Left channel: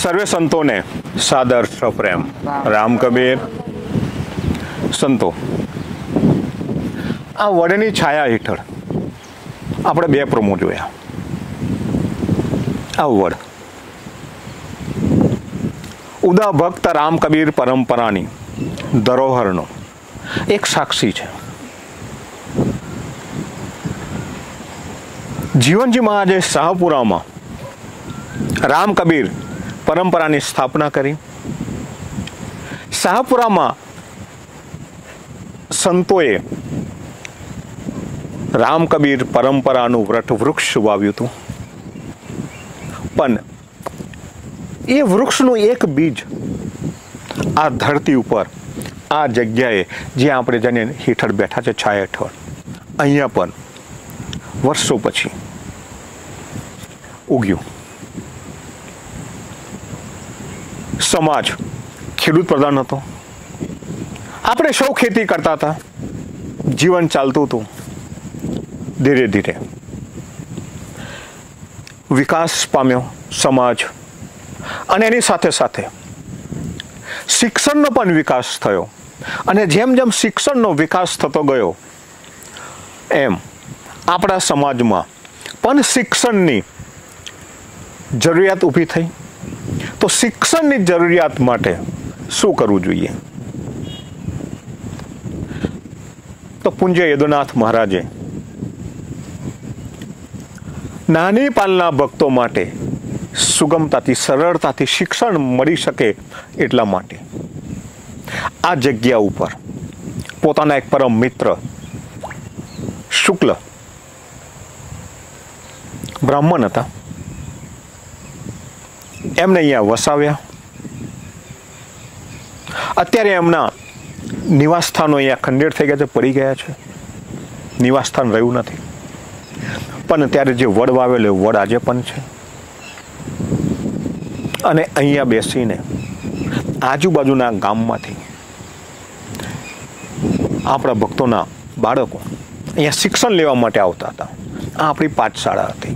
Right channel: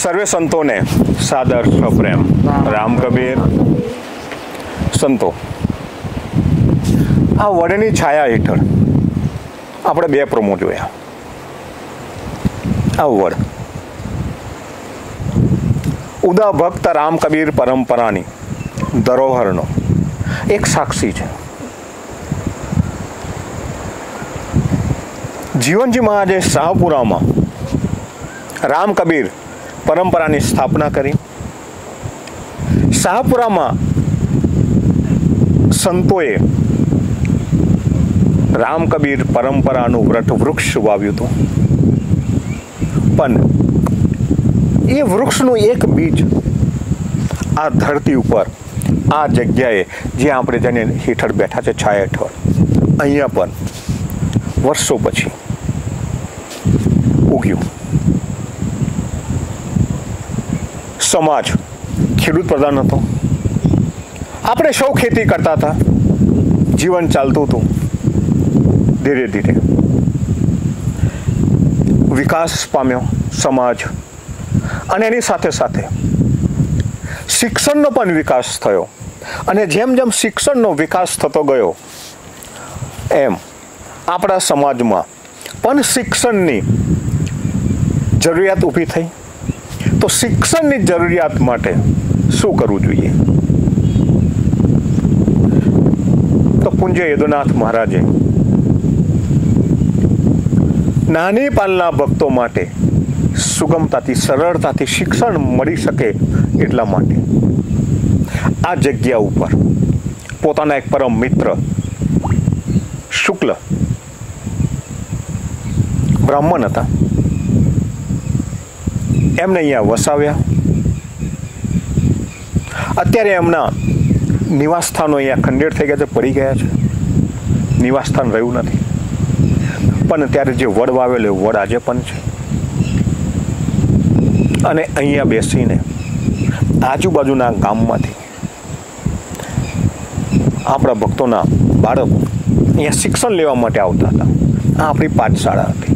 સર્વે સંતોને સાદર સપ્રેમ રામ કબીર સંતો. આ વડની છાયા હેઠળ આપણે બે પ્રોમો જોયા. આ વડ ઉદા ભક્ત રામ કબીર પરંપરાની ધરોહરનો એક સાક્ષી છે. જીવનજી મહારાજે શાહપુરામાં રામ કબીર પરંપરાની સ્થાપના કરી. શાહપુરામાં સંતોએ રામ કબીર પરંપરાનું વૃક્ષ વાવ્યું હતું, પણ એ વૃક્ષનું એક બીજ આ ધરતી ઉપર, આ જગ્યાએ જ્યાં આપણે જેને હેઠળ બેઠા છે છાયા હેઠળ, અહીંયા પણ વર્ષો પછી ઉગ્યું. સમાજ ખેડૂત પ્રધાન હતો. આપણે સૌ ખેતી કરતા હતા, જીવન ચાલતું હતું. ધીરે ધીરે વિકાસ પામ્યો સમાજ, અને એની સાથે સાથે શિક્ષણનો પણ વિકાસ થયો. અને જેમ જેમ શિક્ષણનો વિકાસ થતો ગયો એમ આપણા સમાજમાં પણ શિક્ષણની જરૂરિયાત ઊભી થઈ. તો શિક્ષણની જરૂરિયાત માટે શું કરવું જોઈએ? તો પૂજ્ય યદુનાથ મહારાજે નાની પાલના ભક્તો માટે સુગમતાથી, સરળતાથી શિક્ષણ મળી શકે એટલા માટે આ જગ્યા ઉપર પોતાના એક પરમ મિત્ર શુક્લ બ્રાહ્મણ હતા, એમને અહીંયા વસાવ્યા. અત્યારે એમના નિવાસસ્થાનો અહીંયા ખંડેર થઈ ગયા છે, પડી ગયા છે, નિવાસસ્થાન રહ્યું નથી. પણ ત્યારે જે વડ વાવેલો વડ આજે પણ છે. અને અહીંયા બેસીને આજુબાજુના ગામમાંથી આપણા ભક્તોના બાળકો અહીંયા શિક્ષણ લેવા માટે આવતા હતા. આ આપણી પાઠશાળા હતી.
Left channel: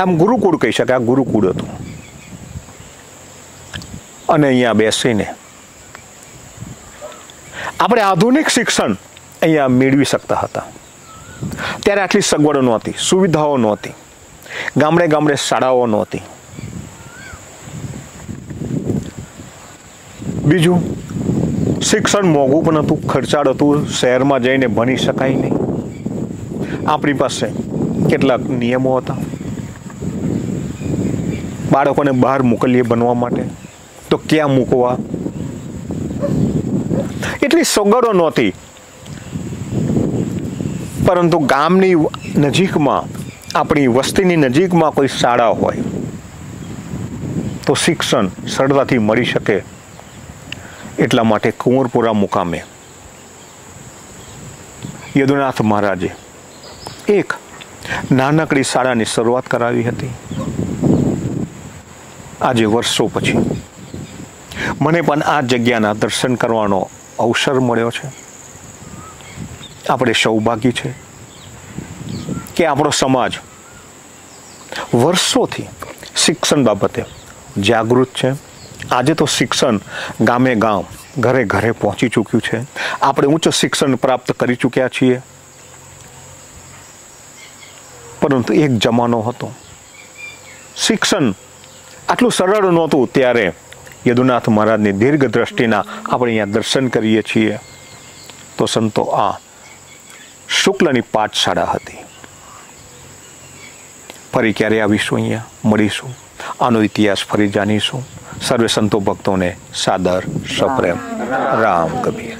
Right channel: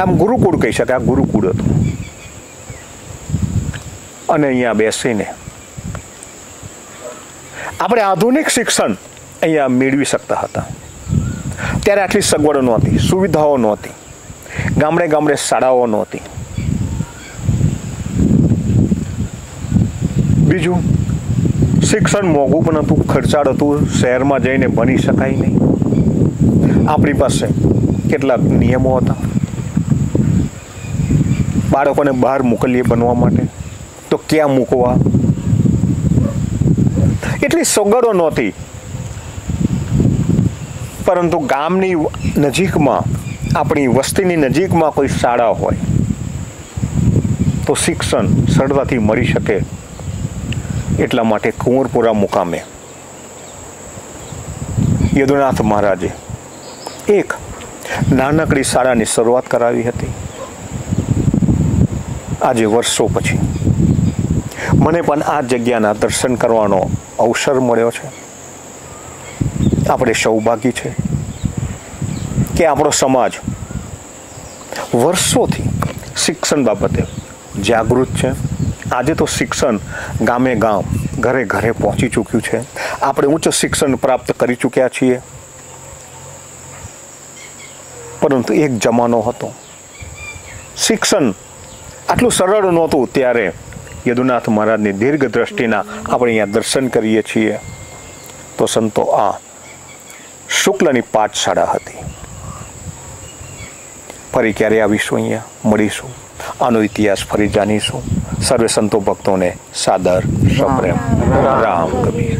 આમ ગુરુકુળ કહી શકાય, આ ગુરુકુળ હતું. અને અહીંયા બેસીને આપણે આધુનિક શિક્ષણ અહીંયા મેળવી શકતા હતા. ત્યારે આટલી સગવડો નહોતી, સુવિધાઓ નહોતી, ગામડે ગામડે શાળાઓ નહોતી. બીજું, શિક્ષણ મોંઘું પણ હતું, ખર્ચાળ હતું, શહેરમાં જઈને ભણી શકાય નહીં. આપણી પાસે કેટલાક નિયમો હતા બાળકોને બહાર મોકલીએ બનવા માટે, તો ક્યાં મૂકવા? એટલી સગવડો નહોતી. પરંતુ ગામની નજીકમાં, આપણી વસ્તીની નજીકમાં કોઈ શાળા હોય તો શિક્ષણ સરળતાથી મળી શકે. એટલા માટે કુંવરપુરા મુકામે યદુનાથ મહારાજે એક નાનકડી શાળાની શરૂઆત કરાવી હતી. આજે વર્ષો પછી મને પણ આ જગ્યાના દર્શન કરવાનો અવસર મળ્યો છે. આપણે સૌભાગ્ય છે કે આપણો સમાજ વર્ષોથી શિક્ષણ બાબતે જાગૃત છે. આજે તો શિક્ષણ ગામે ગામ, ઘરે ઘરે પહોંચી ચૂક્યું છે. આપણે ઉચ્ચ શિક્ષણ પ્રાપ્ત કરી ચૂક્યા છીએ. પરંતુ એક જમાનો હતો, શિક્ષણ આટલું સરળ નહોતું. ત્યારે યદુનાથ મહારાજની દીર્ઘ દ્રષ્ટિના આપણે અહીંયા દર્શન કરીએ છીએ. તો સંતો, આ શુક્લની પાઠશાળા હતી. ફરી ક્યારે આવીશું, અહીંયા મળીશું, આનો ઇતિહાસ ફરી જાણીશું. સર્વે સંતો ભક્તોને સાદર સપ્રેમ રામ કબીર.